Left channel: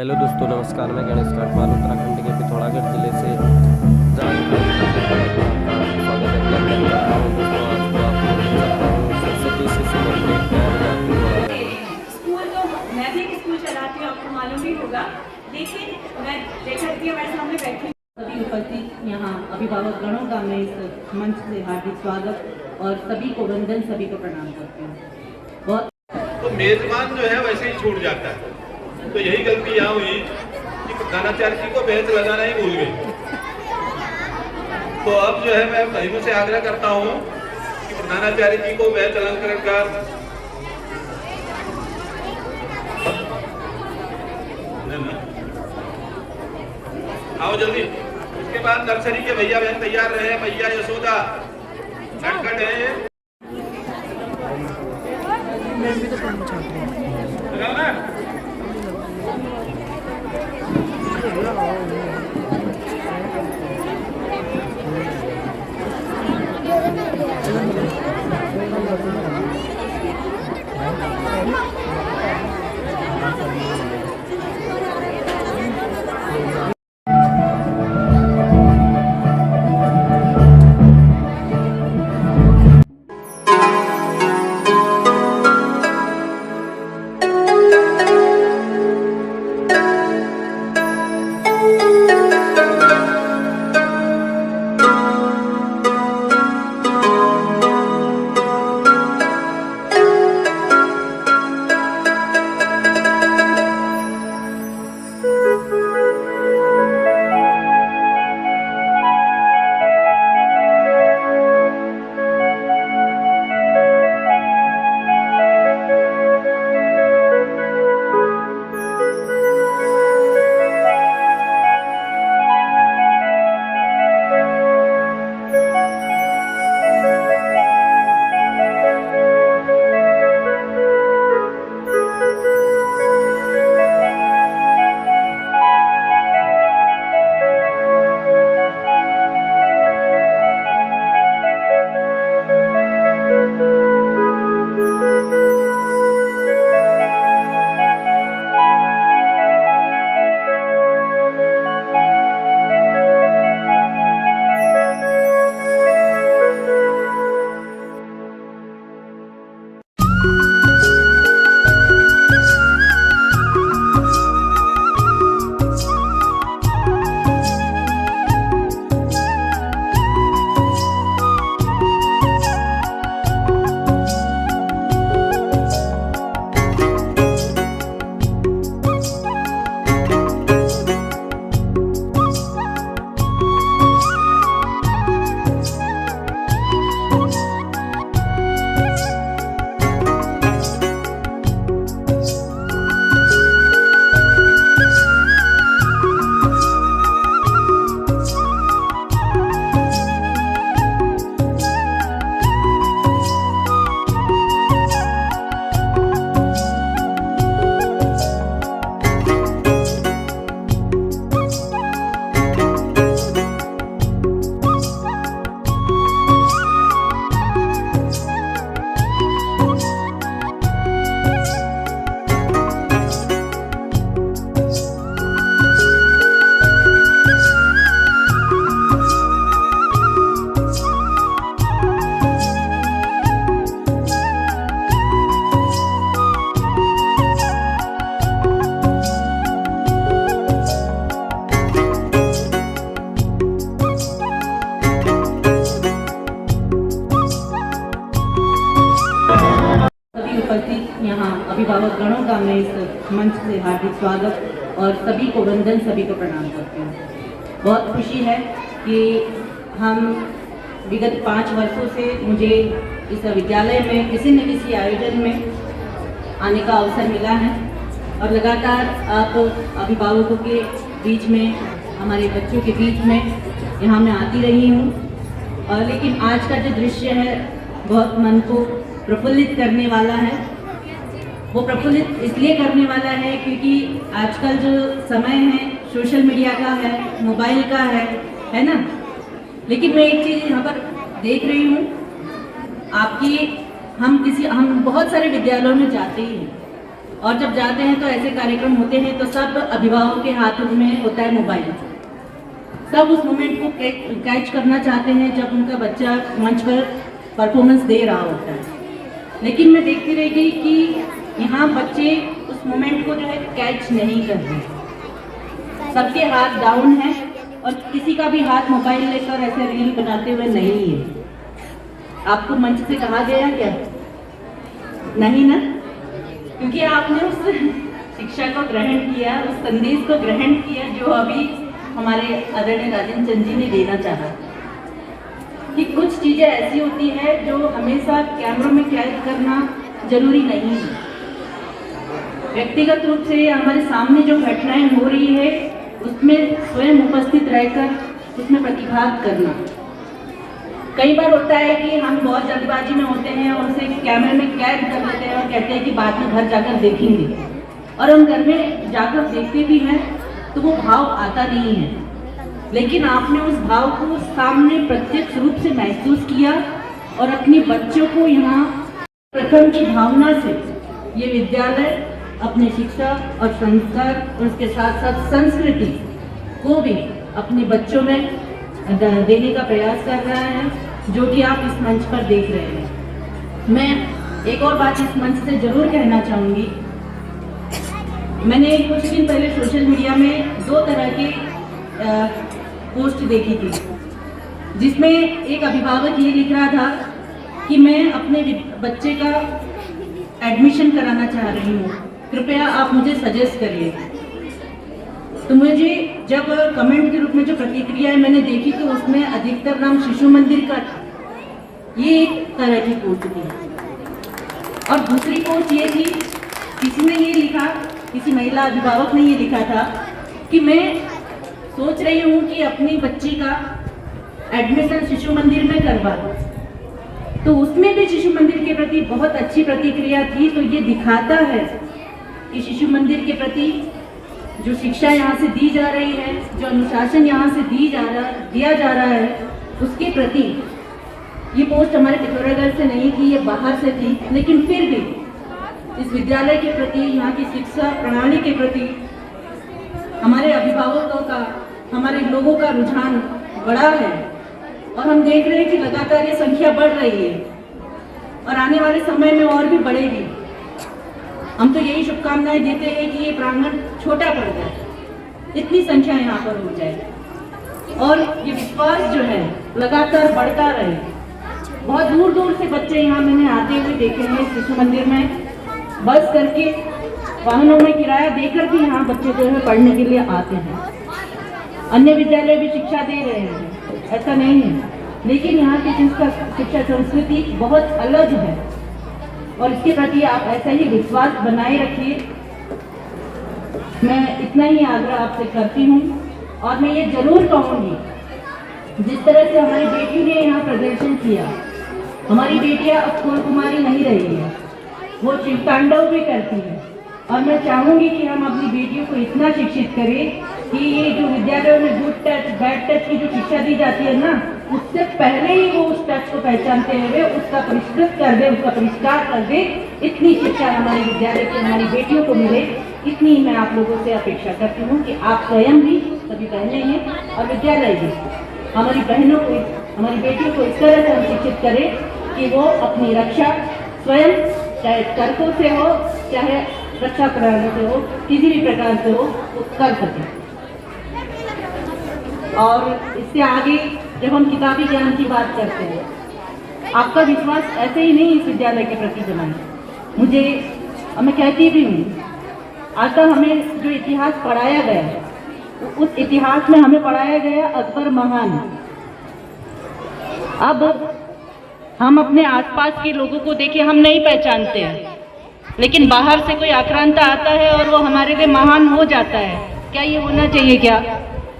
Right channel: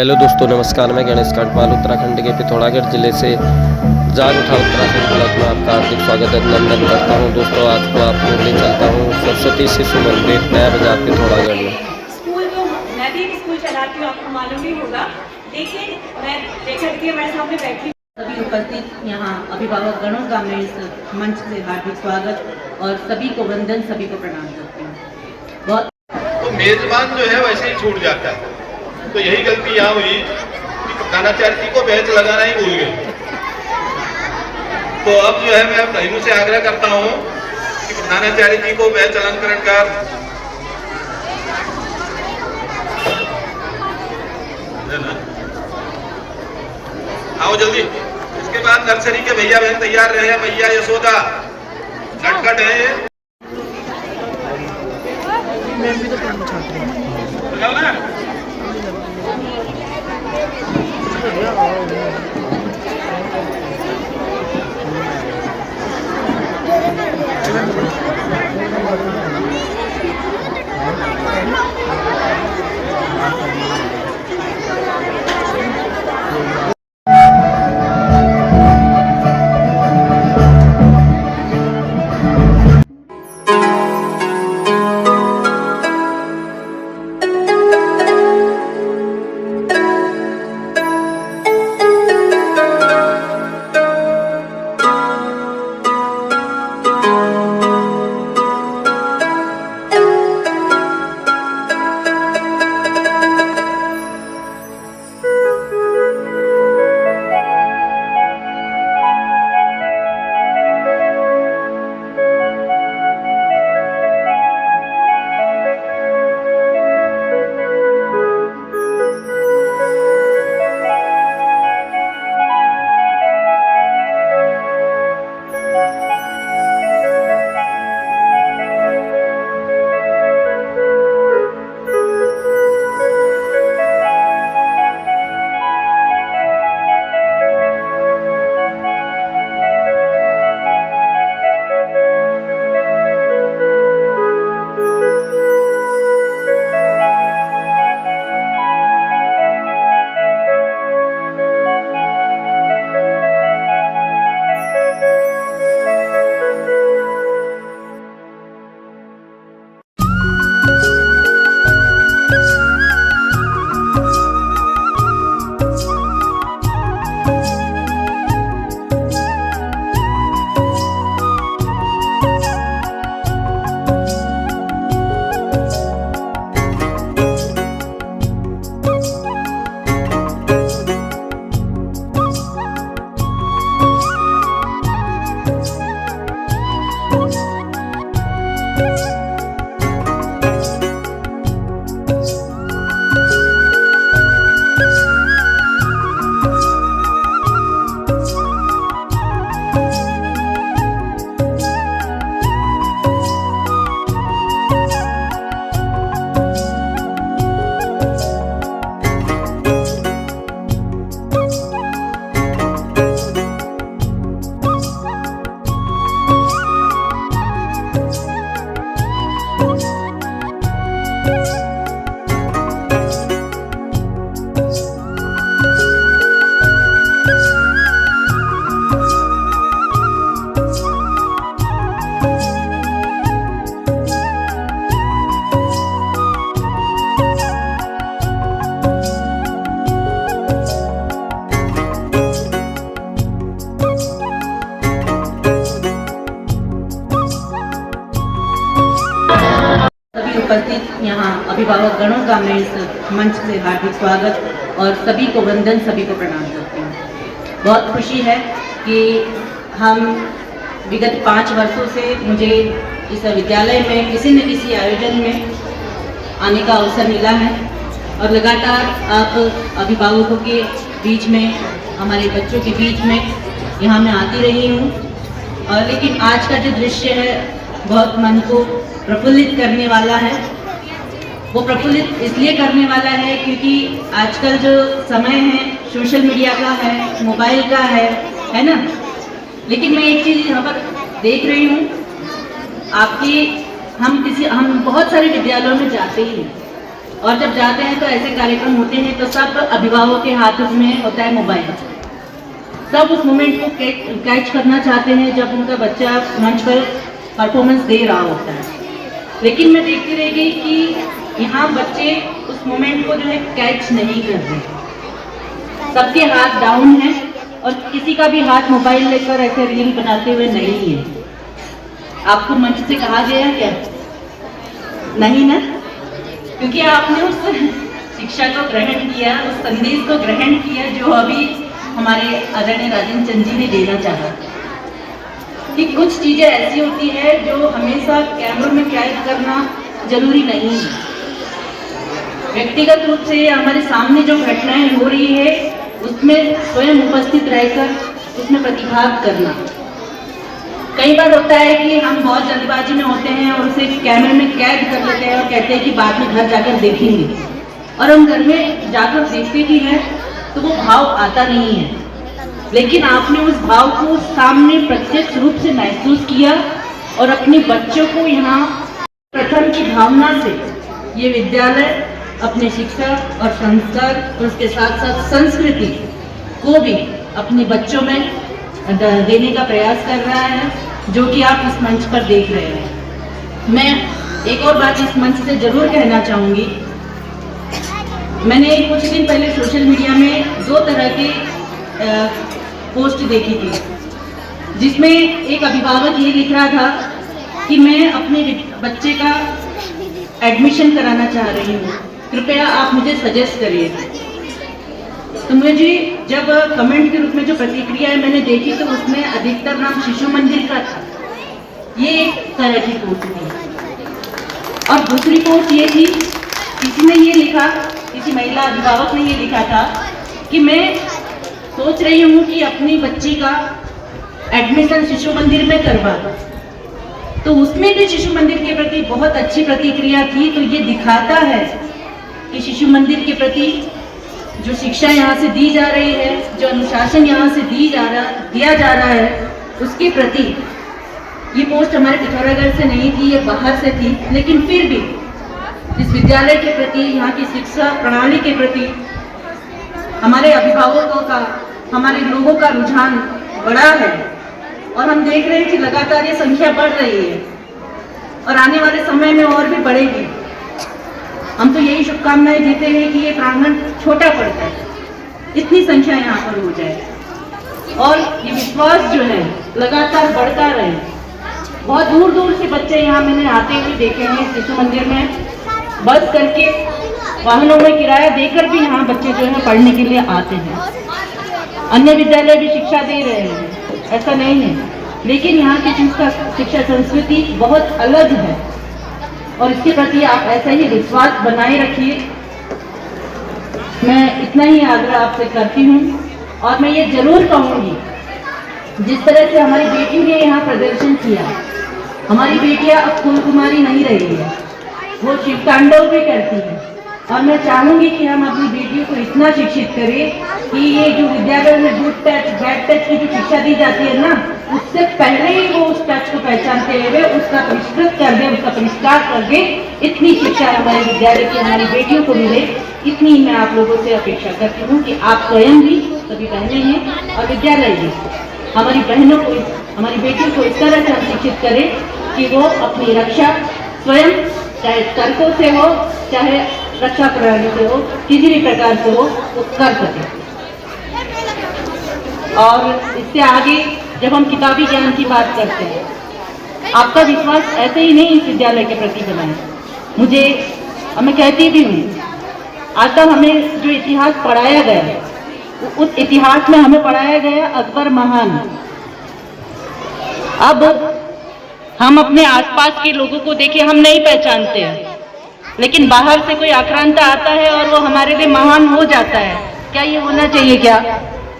Hello दोस्तों, नमस्कार। मैं गणेश कांडपाल उत्तराखंड के पिथौरागढ़ जिले से जाग उठा उत्तराखंड ब्लॉक में आपका हार्दिक स्वागत अभिनंदन करता हूं। दोस्तों, आज को आपको ले चलता हूं सरस्वती शिशु मंदिर नया बाजार पिथौरागढ़ में। स्कूल तो मैं भी एक स्कूल चलाती हूँ, आपको मालूम ही होगा, लेकिन मैं लेखक की हमारे सामने बैठी। सभी उपस्थित यहाँ अभिभावक गणों का मैं इस मंच से हार्दिक स्वागत और सभी को वंदन, सभी को प्रणाम करती हूँ। बहुत तो मेजबान जो है वैसे ही छूट जाता है, तो यही गलती यहाँ हुई कि प्रधानाचार्य जी को बैच लगाना ही भूल गए। तो अब जो है मैं बहनों से आग्रह करता हूँ कि प्रधानाचार्य जी को बैच अलंकरण कर आओ जल्दी। इसके बाद नर्सरी के भैया बहन तैयार रहे। भैया यशोदा नटखट है ये। मैं भी तो काम छात्र हूँ। उपस्थित यहाँ अभिभावक गणों का मैं इस मंच से हार्दिक स्वागत और सभी को वंदन, सभी को प्रणाम करती हूँ। बहुत खुशी है कि हम विगत 5 वर्षों से मुझे इस विद्यालय में किसी न किसी आयोजन में आने का अवसर मिला है और लगातार आप अभिभावकों के बीच में, हमारे बच्चों के बीच में यहाँ मैं आती रही हूँ। और लेकिन आज का जो दृश्य है बहुत मन को प्रफुल्लित करने वाला है। वो प्रफुल्लित इसलिए करने वाला है क्योंकि आजकल जो समय है सोशल मीडिया का है, मोबाइल का है ना। लेकिन मैं एक चीज़ यहाँ पर देख रही हूँ, आपकी हम बहुत सारे विद्यालयों में जाते ही हैं, और जब जाते हैं तो ऐसे कार्यक्रम होते हैं तो सब अभिभावकों के हाथों में होता है मोबाइल। सब उस मोमेंट को कैच करना चाहते हैं जब उनका बच्चा मंच पर परफॉर्मेंस दे रहा होता है। लेकिन मैं देखती रह गई कि यहाँ बच्चे उस मोमेंट को जो है कैच नहीं कर रहे। सबके हाथ डाउन है और किसी का भी हाथ मोबाइल लेकर ऐसे रील बनाते हुए नहीं है। आपको मंच से कहा गया क्या? नहीं ना, क्योंकि आपने उस शिक्षा को ग्रहण किया, उस संदेश को ग्रहण किया जो अभी हमारे आदरणीय राजेंद्र चंद जी ने देना चाहा कि कुछ चीजें ऐसी होती है जो हमेशा कैमरों में कैद करना जरूरी नहीं है। व्यक्तिगत रूप से हमारे सामने जो घटनाएं हो रही है उसमें स्वयं उपस्थित रहकर उसमें प्रतिभाग करना। कई बार होता है कि हम बहुत जल्दबाजी में होते हैं और उसे कैमरे में कैद कर लेते हैं और कहते हैं कि बाद में घर जाकर देखेंगे, और हम घर में जाकर देखते भी हैं तो वो भाव आता नहीं है। लेकिन आपने उस भाव को सामने प्रत्यक्ष रूप से महसूस किया और अपने बच्चों को यहाँ प्रथम की भावना से ये विद्यालय अपने शिक्षा और संस्कार और उसके साथ साथ संस्कृति को भी अपने बच्चों में देने का प्रयास कर रहा है, जो कि आप इस मंच पर देख रहे हैं। मैं एक और बात इस मंच से जरूर कहना चाहूँगी। मैंने कुछ दिन पहले सोशल मीडिया में 2 तरह की पोस्ट देखी थी, जिसमें एक अभिभावक ये लिख रहा था कि मैं अपने बच्चे का एडमिशन कराना चाह रही हूँ, कृपया आप मुझे सजेस्ट करिए। तो मुझे जब कमेंट के रूप में जो प्रतिक्रिया मैंने देखी तो उसमें अधिकतर नाम शिशु मंदिर का था। ये एक तरह की पोस्ट थी। और दूसरी पोस्ट ये थी, किसी ने ये लिखा, किसी महिला अभिभावक ने ये लिखा था कि मैं सोच रही हूँ कि अपनी बच्ची का एडमिशन शिशु मंदिर में करवा दूँ। तो उसमें भी शिशु मंदिर के प्रति बहुत अच्छी प्रतिक्रिया थी। तो ये दिखाता है कि शिशु मंदिर के प्रति जो शिक्षा यहाँ से दी जा रही है, जो अनुशासन यहाँ से दिया जा रहा है, उसके प्रति ये पोस्ट हमारे पिथौरागढ़ से नहीं थी, ये बाहर से थी। लेकिन फिर भी इस विद्यालय के प्रति, यहाँ की शिक्षा प्रणाली के प्रति हमारे अभिभावकों का, हमारे लोगों का रुझान बड़ा है और हम देख रहे हैं कि लगातार ये संख्या बढ़ रही है और आने वाले समय में और भी बढ़ेगी। हम तो यही शुभकामनाएं देते हैं कि ये प्रांगण छोटा पड़ जाए, इतनी संख्या यहाँ पर हो जाए और ये विश्वास जो है लगातार बढ़ता रहे। बहुत दूर दूर से बच्चे यहाँ मैंने आते हुए देखे हैं, शिशु मंदिर में बस करके, वाहनों में किराया देकर भी यहाँ बच्चे जो है पढ़ने के लिए आते हैं। अन्य विद्यालय भी शिक्षा दे रहे हैं, ऐसा नहीं है, लेकिन यहाँ की शिक्षा संस्कृति बहुत अलग है और इसके प्रति आप ऐसा ही विश्वास बनाए रखिए। मैं इतना ही आग्रह आपसे करती हूँ और मैं ये जरूर कहूँगी, जिस तरह से हमारी बेटी ने यहाँ प्रदर्शन किया, हमारी बेटियाँ अब फूल कुमारी नहीं रही है, वो शिव तांडव भी करती है। और मैं चाहूँगी कि हम अपनी बेटियों को इतना शिक्षित करें कि ये जो विद्यालय में गुड टच बैड टच की जो शिक्षा दी जाती है ना, उससे पहले ही वो उस टच को पहचानते हुए उसका परिष्कृत कर दे, उसका परिष्कार कर दे। इतनी शिक्षा हमारे विद्यालय की हमारी बेटियों को मिले, इतनी मैं आप लोगों से अपेक्षा करती हूँ कि आप स्वयं भी, सभी बहनें हैं और विद्यालय भी, हमारी बहनों को, हमारी बेटियों को इस तरह से हम शिक्षित करें कि वो अपनी रक्षा स्वयं, चाहे तर्कों से हो, चाहे रक्षा प्रणाली से हो, किसी भी प्रकार से हो, वो कर सके। और इससे आगे जब हम किताबी ज्ञान की बात करते हैं, आपका विश्वास ऐसे ही नहीं इस विद्यालय के प्रति बनाए। मैं कहती भी हूँ, आज तक हमें जो इतिहास पढ़ाया गया, उस इतिहास में हमें पढ़ाया गया अकबर महान। अब हम अपने आसपास के लोगों को देखिए, हम नहीं पहचानते हैं, लेकिन बाहर से कोई आक्रांता आता है और वो हमारे लिए महान हो जाता है। क्या ये होना चाहिए? क्या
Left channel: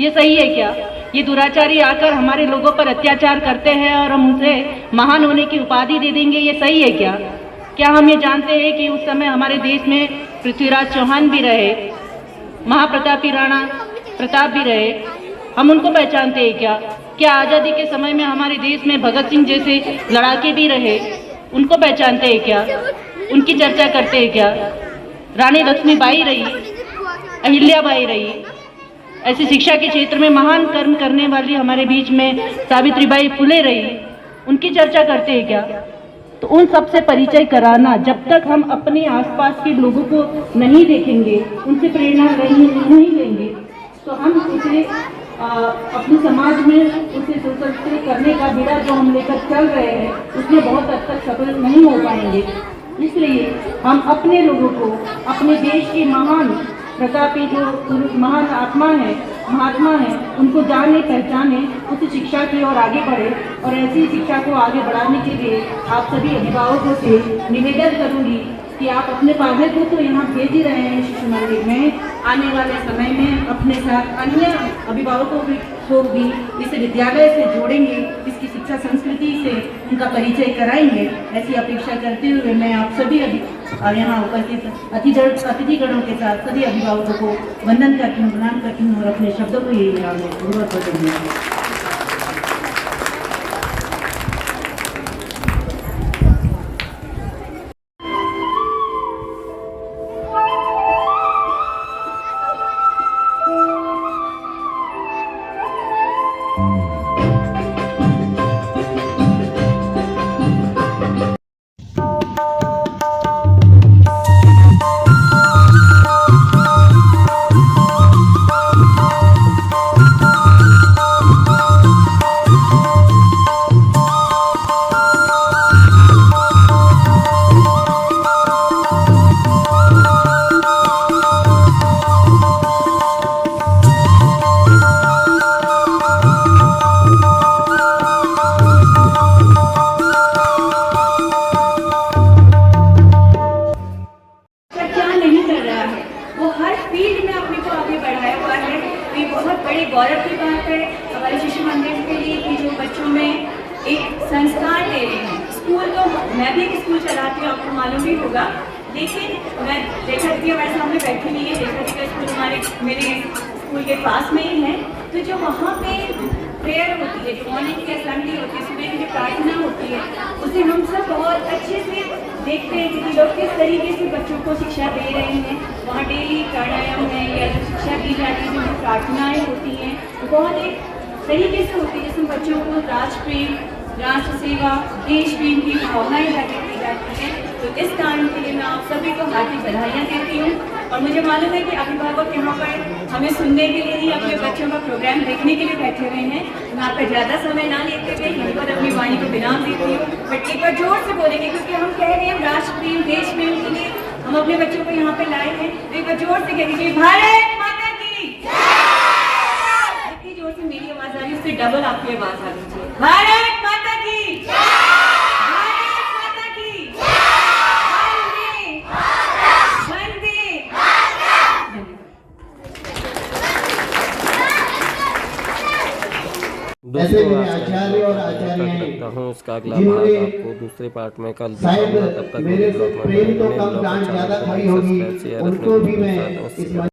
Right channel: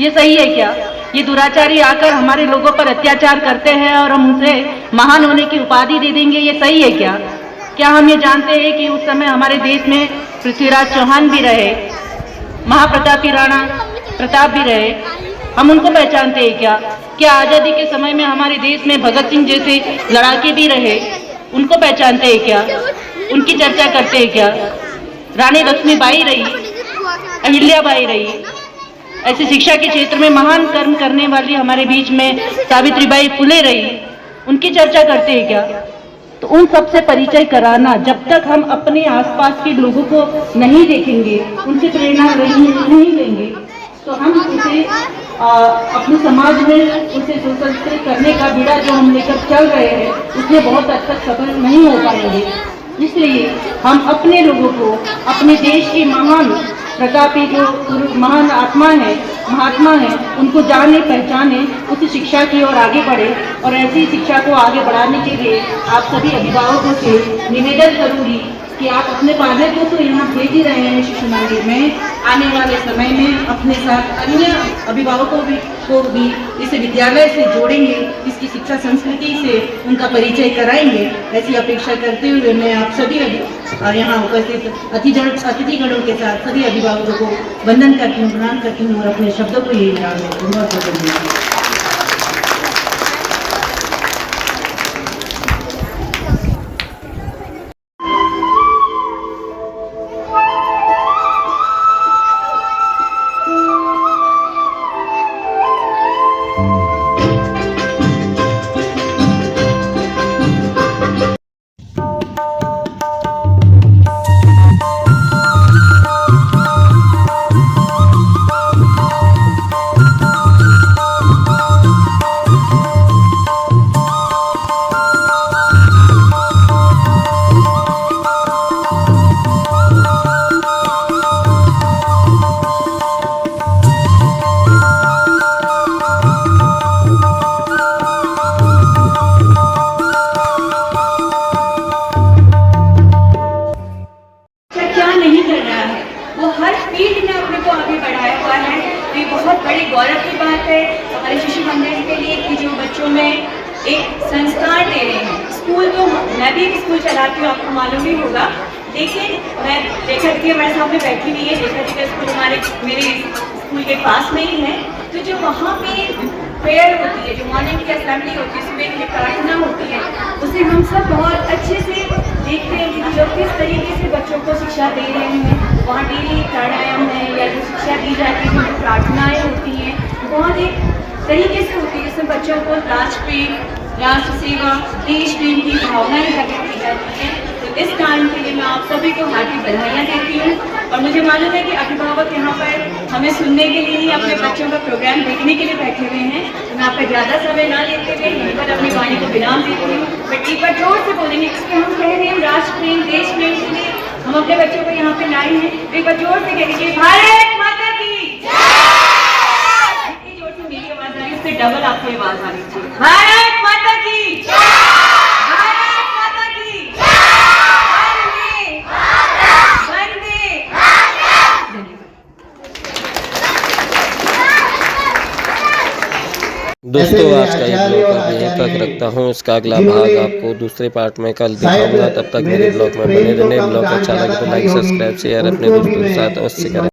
ये सही है? क्या ये दुराचारी आकर हमारे लोगों पर अत्याचार करते हैं और हम उसे महान होने की उपाधि दे देंगे, ये सही है? क्या हम ये जानते हैं कि उस समय हमारे देश में पृथ्वीराज चौहान भी रहे, महाप्रतापी राणा प्रताप भी रहे, हम उनको पहचानते हैं? क्या आज़ादी के समय में हमारे देश में भगत सिंह जैसे लड़ाके भी रहे, उनको पहचानते हैं? क्या उनकी चर्चा करते हैं? क्या रानी लक्ष्मीबाई रही, अहिल्याबाई रही, ऐसे शिक्षा के क्षेत्र में महान कर्म करने वाली हमारे बीच में सावित्रीबाई फुले रही, उनकी चर्चा करते हैं क्या? तो उन सब से परिचय कराना, जब तक हम अपने आसपास के लोगों को नहीं देखेंगे, उनसे प्रेरणा नहीं लेंगे, तो हम उसे अपने समाज में उसे सुसंस्कृत करने का बीड़ा जो हम लेकर चल रहे हैं, उसमें बहुत हद तक सफल नहीं हो पाएंगे। इसलिए हम अपने लोगों को, अपने देश की महान प्रतापी जो महान आत्मा है, महात्मा है, उनको जाने पहचाने, उस शिक्षा की ओर आगे बढ़े। और ऐसी शिक्षा को आगे बढ़ाने के लिए आप सभी अभिभावकों से निवेदन करूंगी कि आप अपने पालकों को यहाँ भेज ही रहे हैं शिशु मंदिर में, आने वाले समय में अपने साथ अन्य अभिभावकों को भी इस विद्यालय से जोड़ेंगे, इसकी शिक्षा संस्कृति से उनका परिचय कराएंगे। ऐसी अपेक्षा करते हुए मैं आप सभी यहाँ उपस्थित अतिथिगणों के साथ सभी अभिभावकों को वंदन करती हूँ, प्रणाम करती हूँ और अपने शब्दों को यही याद रखती हूँ। बहुत बहुत धन्यवाद। बहुत बड़ी गौरव की बात है हमारे शिशु मंदिर के लिए कि जो बच्चों में एक संस्कार दे रहे हैं। स्कूल तो मैं भी एक स्कूल चलाती हूँ, आपको मालूम ही होगा, लेकिन मैं देखा थी हमारे सामने बैठी हुई है, देखा थी का स्कूल मेरे स्कूल के पास में ही है। तो जो वहाँ पे प्रेयर होती है, जो मॉर्निंग की असेंबली होती है, सुबह की प्रार्थना होती है, उसे हम सब बहुत अच्छे से देखते हैं कि लोग किस तरीके से बच्चों को शिक्षा दे रहे हैं। वहाँ डेली प्राणायाम है या जो शिक्षा दी जाती है, जो प्रार्थनाएँ होती हैं, बहुत एक तरीके से होती है जिसमें बच्चों को राष्ट्र प्रेम, राष्ट्र सेवा, देश प्रेम की भावनाएं जागृत की जाती हैं। तो इस काम के लिए मैं आप सभी को हार्दिक बधाइयाँ देती हूँ। और मुझे मालूम है कि अभिभावक यहाँ पर हमें सुनने के लिए ही अपने बच्चों का प्रोग्राम देखने के लिए बैठे हुए हैं। मैं आपका ज़्यादा समय ना लेते हुए यहीं पर अपनी वाणी को विराम देती हूँ। बट एक बार जोर से बोलेंगे क्योंकि हम कह रहे हैं राष्ट्र प्रेम, देश प्रेम के लिए हम अपने बच्चों को यहाँ पे लाए हैं। एक बार जोर से कहेंगे भारत माता की जय। इतनी जोर से मेरी आवाज आ रही है, उससे डबल आपकी आवाज आ रही है। भारत माता की जय, भारत माता की दोस्तों आज का ये ब्लॉग मैं यहीं तक रखता हूँ। इसका अगला भाग आपको दूसरे पार्ट में कल दिखाऊंगा। तब तक मेरे ब्लॉग में बने रहने। ब्लॉग अच्छा लगे तो लाइक, सब्सक्राइब, शेयर अपने दोस्तों के साथ अवश्य करें।